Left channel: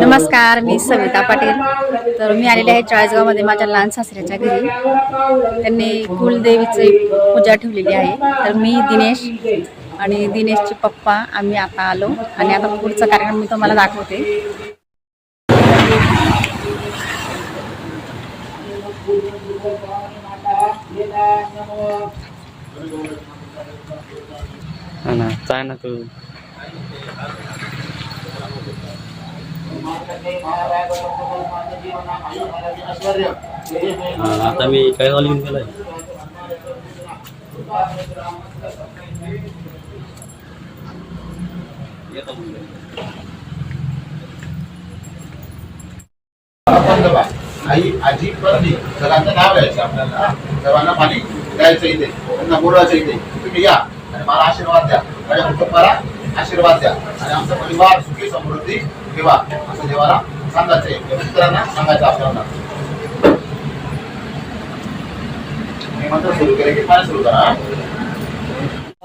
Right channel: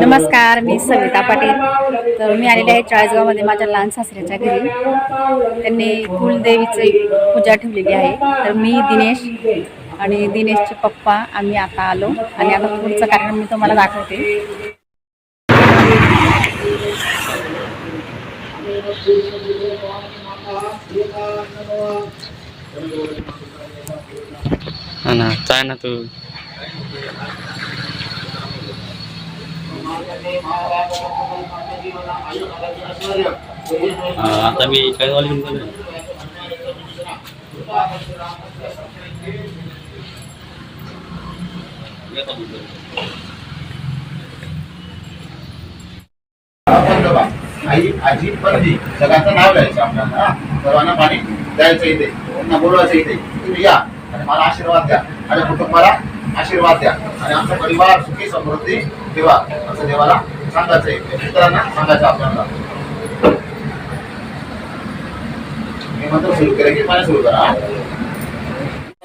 नमस्कार मी सविता पाटील. तर मी आलेले आहे चाळीसगावमध्ये माझ्या लहान सासऱ्याच्या घरी. त्यांनी कुलदेवीची पूजा ठेवलेली आहे. तर मी दिनेश आणि दिनेशचे पप्पा आम्ही आता आलो आणि आता पुढचा कार्यक्रम मी तुम्हाला दाखवते. हा ना काय ना तू. आता मी काय झालं घेऊन गेलोय. आई आजी पंडित सगळ्यांचं नाव घ्यायचं आपल्याला सर्वांना पाणी. द्यायचं इथे त्यांना बोलवायचं इथे. तुम्ही या आणि मला आशीर्वाद द्या. माझ्या कुटुंबाला आशीर्वाद द्या. आणि आमचा परिवार सुखी समृद्धी ठेवा असं देवाला सांगायचंय. आहे मित्रांना सांगायचं आपल्याला. मी म्हणतो सुरू केलं की काय सुरू करा?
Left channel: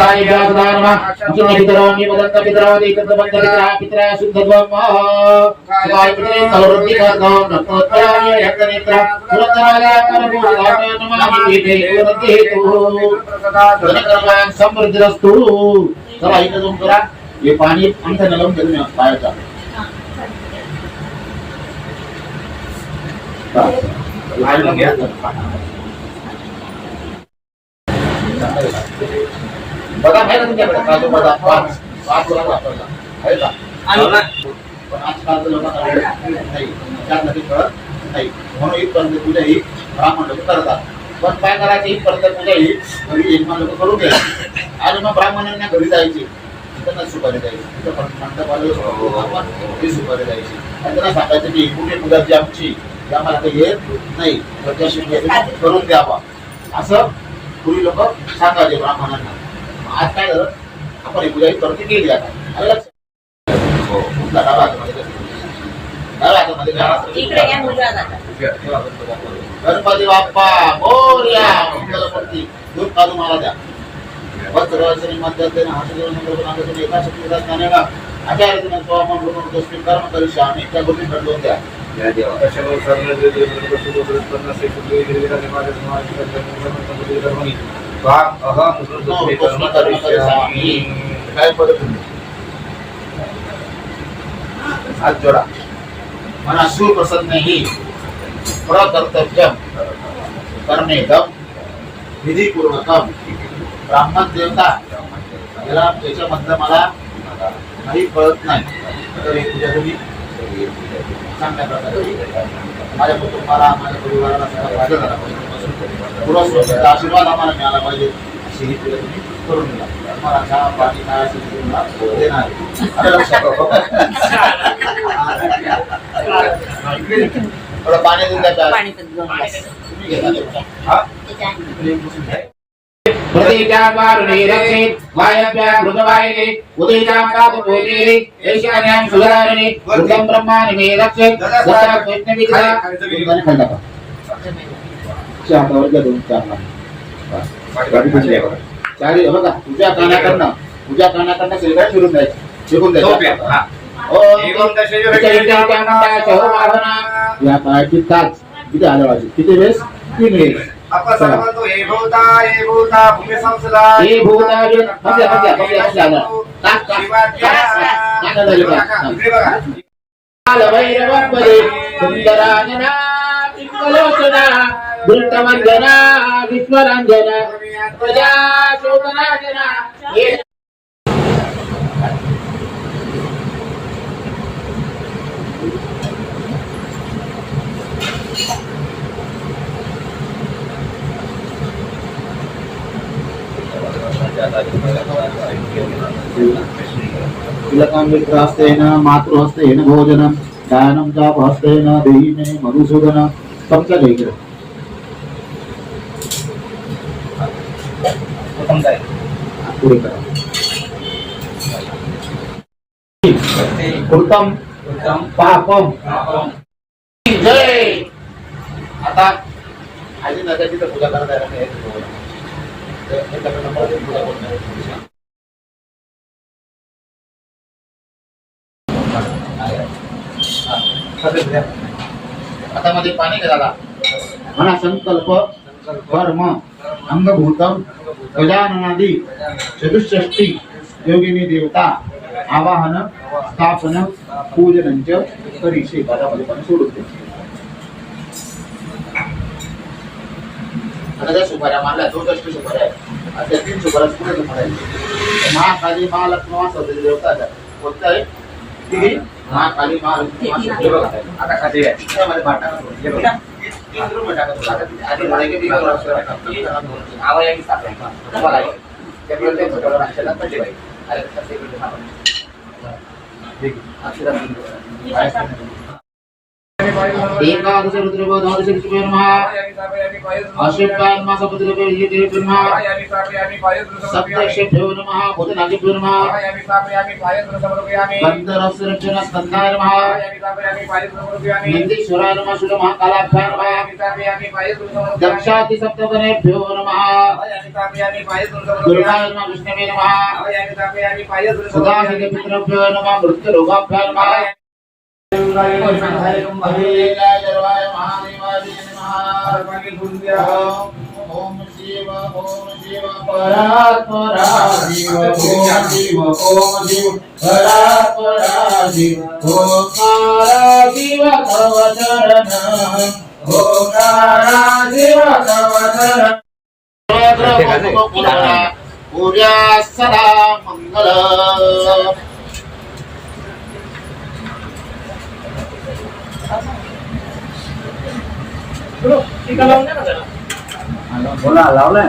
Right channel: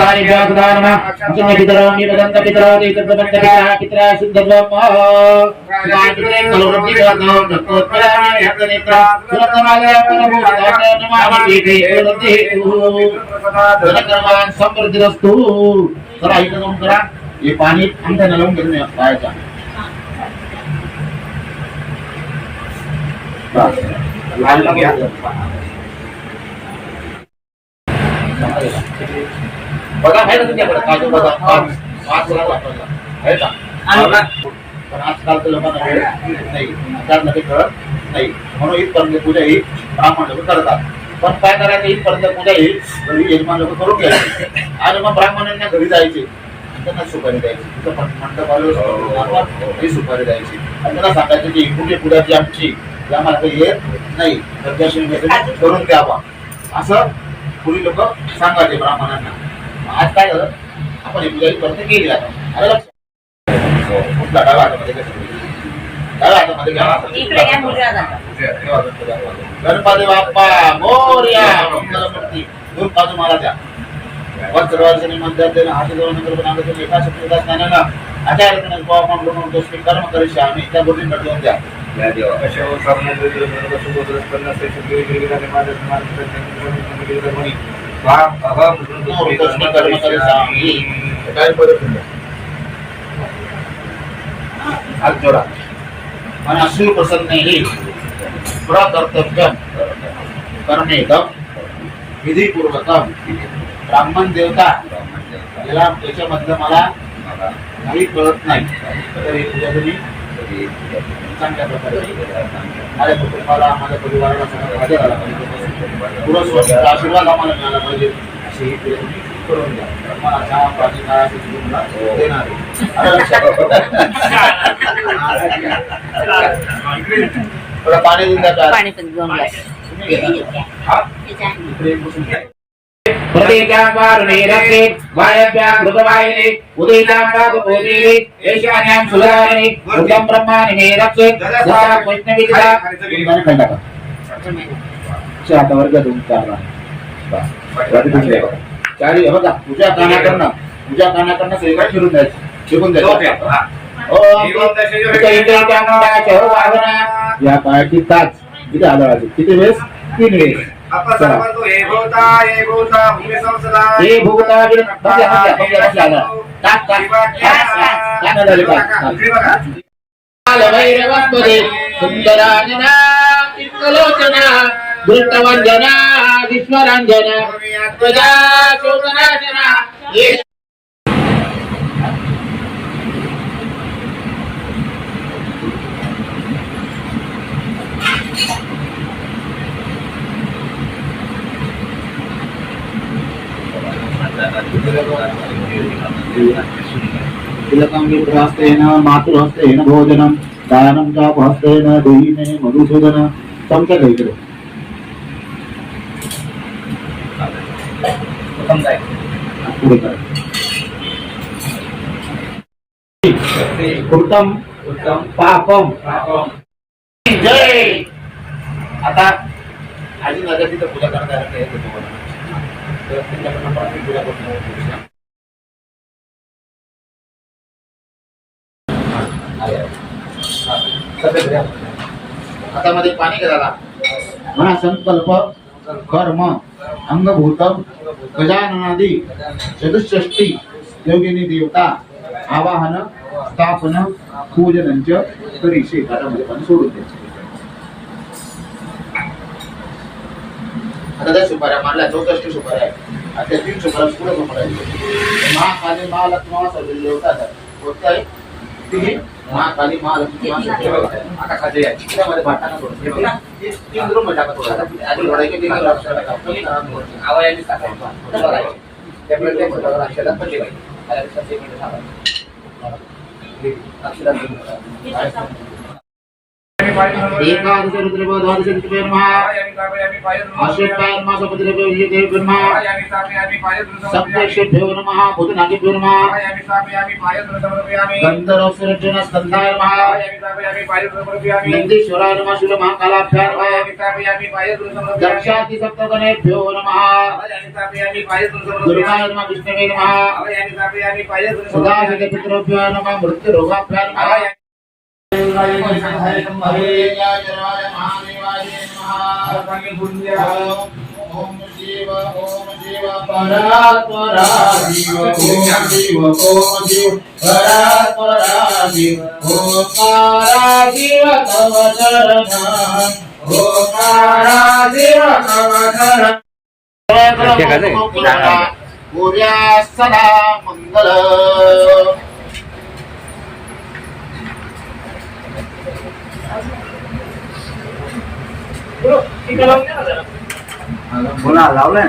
हा? समृद्धी असतो जरा इथं जाऊन करा हे पाणी आमच्या नलवून घेऊन पाहायचा लाल घ्या बदाम आहे का तुमच्याकडे? काजू बदाम पाच पाच बदाम वापरला आहे का? पण आजकाल लोकांना वेळ नाही. त्यात नक्की कळत नाही. म्हणून इथपर्यंत पूजा ही ब्राह्मण लोक करतात. पण काय करायचं? इथपर्यंत पूजा ही घरी यजमान लोक करून घ्यायची. आणि मग ब्राह्मणांना घरी जायचे. त्यांना सुपारी द्यायची. तिथं मंडप आलो ही. सुपारी द्यायची. आणि त्यांना सांगायचं की कुठे पूजा जी आमची ती आम्हाला काही येत नाही. करून द्यावा. असं पूर्वी लोक सांगायचे ब्राह्मणांना. आज काय झालं आपण ही पूजा ही करते केली आता आलं लक्षात? हो, कुठला डावा हातामध्ये घ्या. डाव्या हातामध्ये घ्या. गणपती बाप्पा मोरया मंगलमूर्ती दूध काजू मला द्या वस्त्रवासनी मध्यात हाती देऊन नंतर पण आम्ही एका शक्तीला स्थानाला आचार्यतीने स्वामम लोकम दोस्मी कर्म करिष्यामी त्या गोष्टी घडवून द्या दोस्मी कर्म करिष्यामी काय परत हात जोडा प्रकर्तव्यम कर्मेदम विधीपूर्वकम ब्राह्मण देवता याला याच्यामधलं मला काही कळत नाही तर ही पूजा तुम्ही चांगल्या प्रकारे माझ्या कुटुंबाला माझ्या परिवाराला सगळा फायदा झाला पाहिजे पुरस्वरूपाचा आशीर्वाद आम्हाला मिळाला पाहिजे अशी ही तुम्ही करून द्या मला चहा पाणी काय असेल तुम्हाला देणार लक्षात? थोडं पाणी देऊन द्या. पाणी? हा? वायव्यां सुधारिणी दुर्गं ब्रह्माणि मे रक्षे खंड करा. च्या हातावर घ्या दोन चार लाख. चारी बघा फिरून द्यायचं फिरून द्यायचं. या. पायाची ताज. किती आदळाची किती वेळेस? तीन वेळेस. चला. हे भूता बिन- प्रजा मातृहस्तेन भोजनं दानं चापहस्तेन देहि मे मधुसूदन तुमचं घ्या पुढे करा उत्तम उत्तम पापम. जय! आता आजी नगरची तिथं पूजा नाही तर पूजा करून आहे, हातामध्ये पाणी घाला म्हणा संकल्प कर्म अंगभूतम गजाननादी चतुष्षष्टी योगिनी देवता आवाहन स्थापन पूजनंच करीशे. घरामध्ये पण सोडून द्यायचे आता त्या सुपाऱ्या मारल्या चौसष्ट सुपाऱ्या आहेत. त्या तीन सुपाऱ्या पुढे सुपाऱ्या महाकाली महालक्ष्मी वासवलेली देवता आहेत. आहे ती महाकाली महालक्ष्मी आहे. आता खाली आहे त्यामध्ये हे बघा. तीन टाका थोडा आता आधी म्हणायचे की तीन वर्ष टाका. कमी करा दोन. आवाजाने टाका. तुम्हाला आहे. त्यामुळे ते सुपाऱ्या अक्षरात पडले पाहिजे. अरे, सध्या इकडे थांबा. हा. ठीक. अक्षरात. एकादश रुद्रपो द्वादश रुद्रपो नमः अष्टोत्तर मासपतिरपो विजयते नमः सप्तर्षिभ्यो नमः भूतनागिभ्यो नमः गन्धर्वसुरजन स्कन्धाय नमः नन्दीश्वराय नमः शूलमहाकालाभ्यां नमः दक्षाति सप्तगणेभ्यो नमः दुर्गाय नमः विष्णवे नमः सदाशिवपितृभ्यो नमः मृत्युरोगाभ्यां नमः जरवाय महादेवाय नमः ओम शिव ओम शिव परात्परा शिव ओम शिव ओम शिव परात्परा शिव शिव तव चरण ओंकारा शिव तव चरण पूर्या सदा मंगल बोला लावलंय.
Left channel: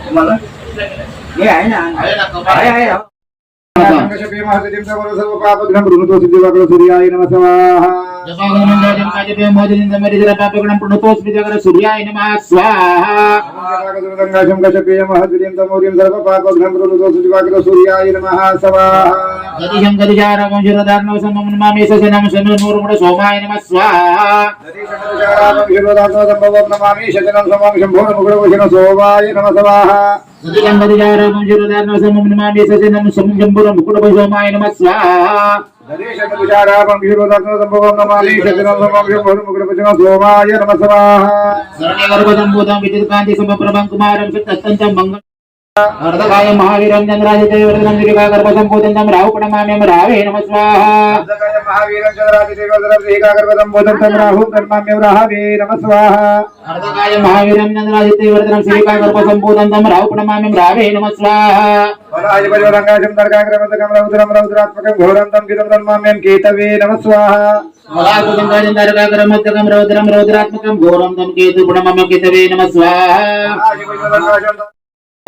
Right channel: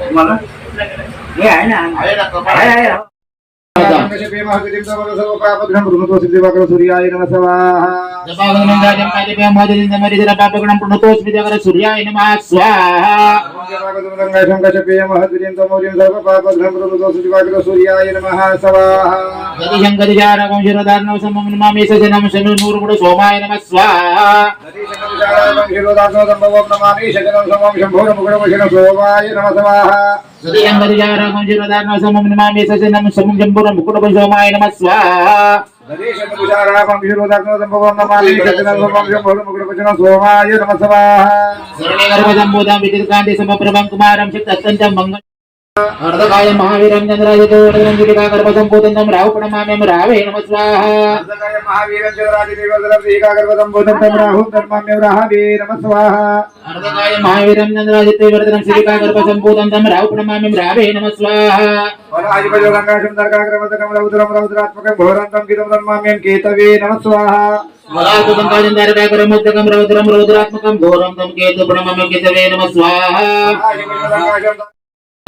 तुम्हाला? हे आहे ना ना कपाळ आहे, आहे. सूर्याय नम सूर्याय नमः स्वाहा. सूर्याय नमः स्वाहा. गदिशं गदिजारकं शिरदार्णव समं नमामि सजनं शमिर्मूर्मुड सोमाय नमः स्वाहा. नमामि शजनं समं शम्भोरमुखडवशनं सोमाय नमः स्वाहा. गदिशं गदिजारकं शिरदार्णव समं नमामि सजनं समं शम्भुरमुकुड सोमाय नमः स्वाहा नमामि शजनं समं शम्भोरमुखडवशनं सोमाय नमः स्वाहा సోమాయ నమ. సోమాయ నమ శరణగర్భదంబోధం విద్యుత్కాంతి సమప్రభం కుమారం శక్తి అత్యంతం మంగళ అర్ధకాయ మహావీరం చంద్రాజితేవర్ధనందిగా గర్భసంపూతం రాహుపణమామ్యం రావే నమ స్వాహ. అర్ధకాయ మహావీరం చంద్రాజితేవర్ధనందిగా గర్భసంపూతం రాహు పణమామ్యం రావే నమ స్వాహ. రౌద్రాత్మకం ఘోరంతం గితం కేతు ప్రణమమ కేతవే నమ స్వాహ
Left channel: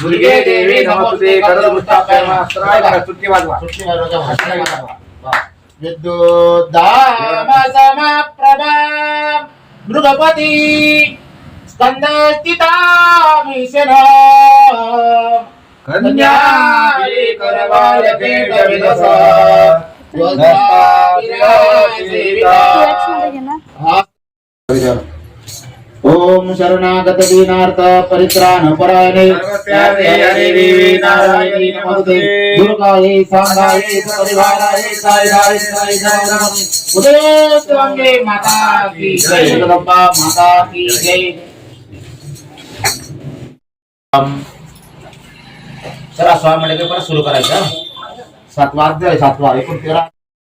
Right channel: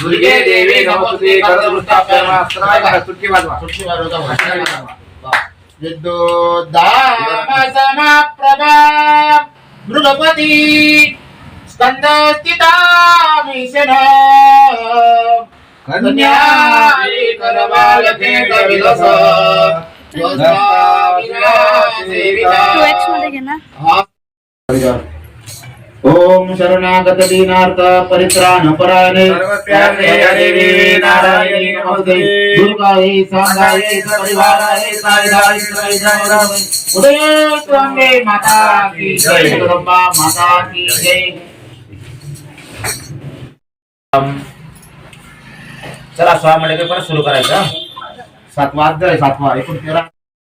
दुर्गे देवी नमस्ते करदृष्टास्त्राय सुट्टी वाजवा. विद्युद्धाम समाप्रभा मृगपती स्कंदस्थितामीशन कन्याली करवालते कविदस टू एक्समध्ये घे ना ओम शरणागत दीनार्थ परित्राण परायणे देवी नारायणी नमस्ते। दुर्गायै सांगायै परिवारायै साईदायै साईदायै उदय स्वामी माता की जय। जगदंबा माता की जय। चला स्वामी पण सुरू करायचं. सातवा अध्याय सातवा एकूण तेरा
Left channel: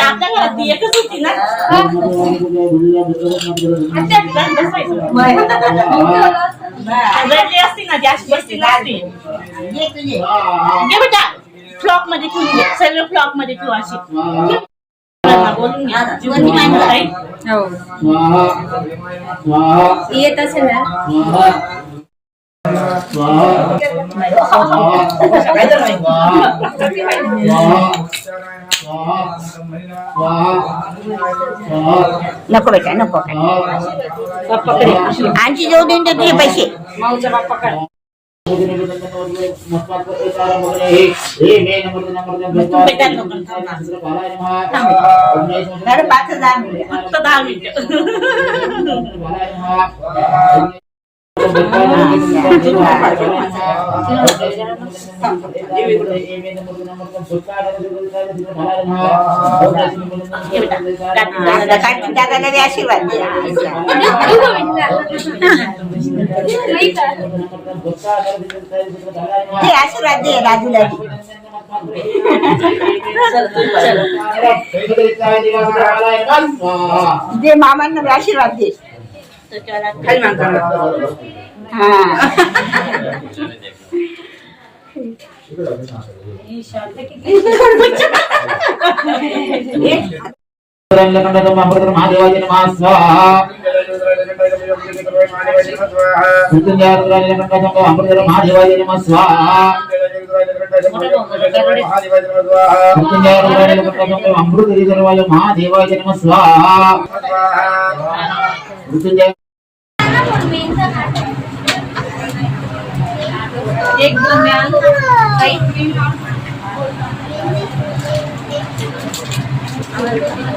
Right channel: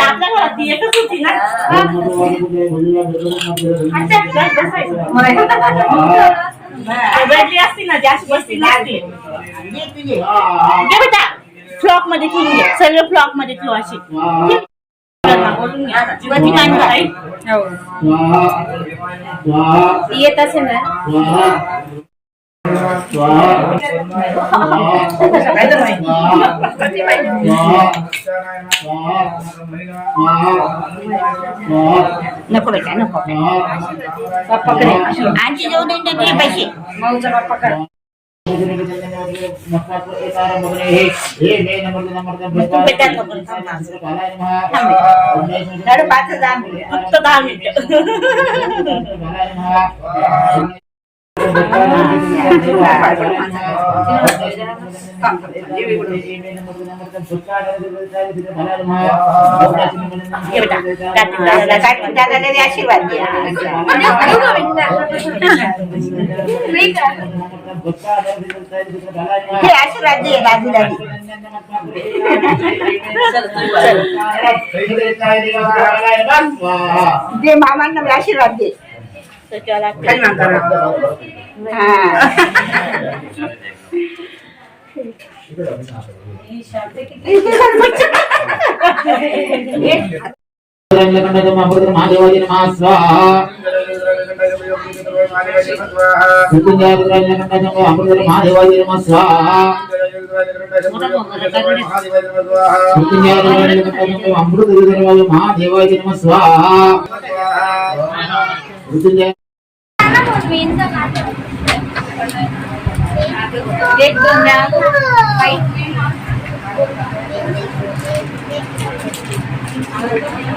आपल्या घरात ती एकच होती ना. अच्छा, बस बसायचं. रडली असती ना ती अशी बसली नसती. फ्लॉकमध्ये ठेवून घे सर्व फ्लॉकमध्ये ठेव अशी बोलून घ्या. हो. येत असेल ना? नको बेटा नको आणखी जाऊ दे तुझे पैसे. पाच हजार. फक्त दहा मिनिट. घे बेटा. दादाला काय म्हणतात, दादाला बी आशीर्वाद दे. మహాదేవాజీ నమ స్వాహ అమృత మహాదేవాజీ నమ స్వాహ అమృత స్వాహ मान करा. हा. महादेवाजी नमः स्वाहा मृत्युंजय अमृत महादेवाजी नमः स्वाहा मृत्युंजय अमृत महादेवाजी नमः स्वाहा मृत्युंजय एक दोन वेळा